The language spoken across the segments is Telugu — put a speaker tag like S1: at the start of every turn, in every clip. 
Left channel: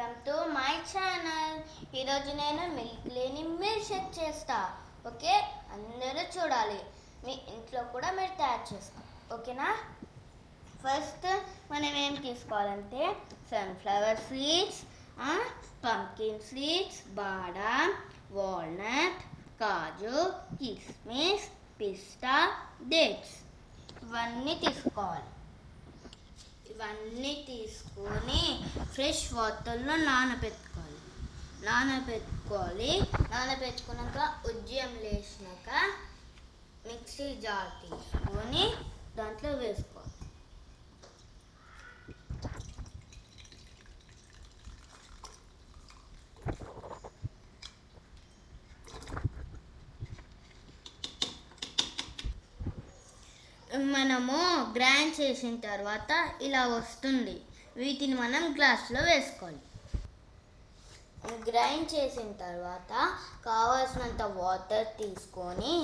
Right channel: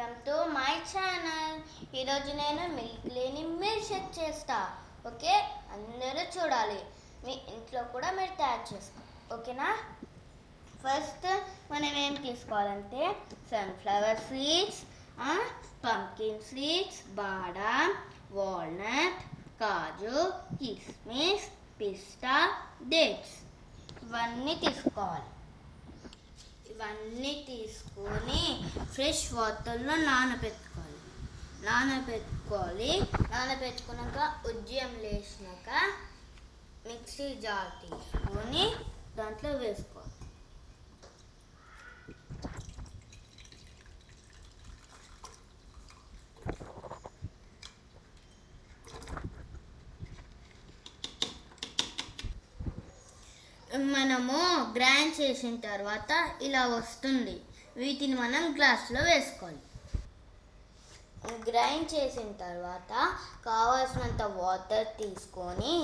S1: Welcome to my channel. ఈరోజు నేను మిల్క్ లేని మిల్క్ షేక్ చేస్తా. ఓకే? అందరూ చూడాలి. మీ ఇంట్లో కూడా మీరు తయారు చేస్తాం ఓకేనా? ఫస్ట్ మనం ఏం తీసుకోవాలంటే సన్ఫ్లవర్ సీడ్స్ పంకిన్ సీడ్స్ బాదాం వాల్నట్ కాజు కిస్మిస్ పిస్తా డేట్స్ ఇవన్నీ తీసుకోవాలి. ఇవన్నీ తీసుకొని ఫ్రెష్ వాటర్లో నానబెట్టుకోవాలి నానబెట్టుకోవాలి నానబెట్టుకున్నాక ఉజ్జయం లేచినాక మిక్సీ జార్ తీసుకొని దాంట్లో వేసుకోవాలి. మనము గ్రైండ్ చేసిన తర్వాత ఇలా వస్తుంది. వీటిని మనం గ్లాస్లో వేసుకోవాలి. గ్రైండ్ చేసిన తర్వాత కావాల్సినంత వాటర్ తీసుకొని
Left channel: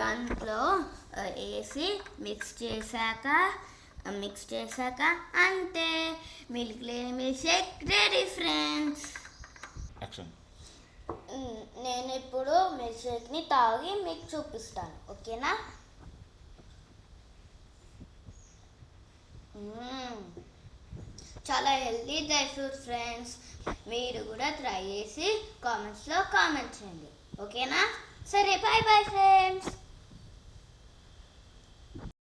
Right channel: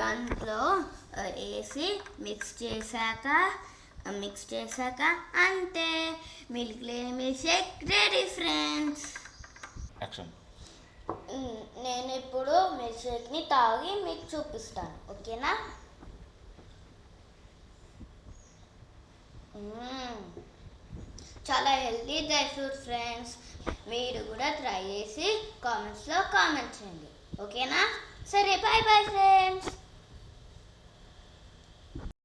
S1: దాంట్లో వేసి మిక్స్ చేశాక మిక్స్ చేశాక అంతే. మిల్క్ లేని మిల్క్ షేక్ రెడీ ఫ్రెండ్స్. నేను ఇప్పుడు మిల్క్ షేక్ని తాగి మీకు చూపిస్తాను. ఓకేనా? చాలా హెల్తీ డ్రై ఫ్రూట్స్ ఫ్రెండ్స్. మీరు కూడా ట్రై చేసి కామెంట్స్లో కామెంట్ చేయండి. ఓకేనా? సరే బాయ్ బాయ్ ఫ్రెండ్స్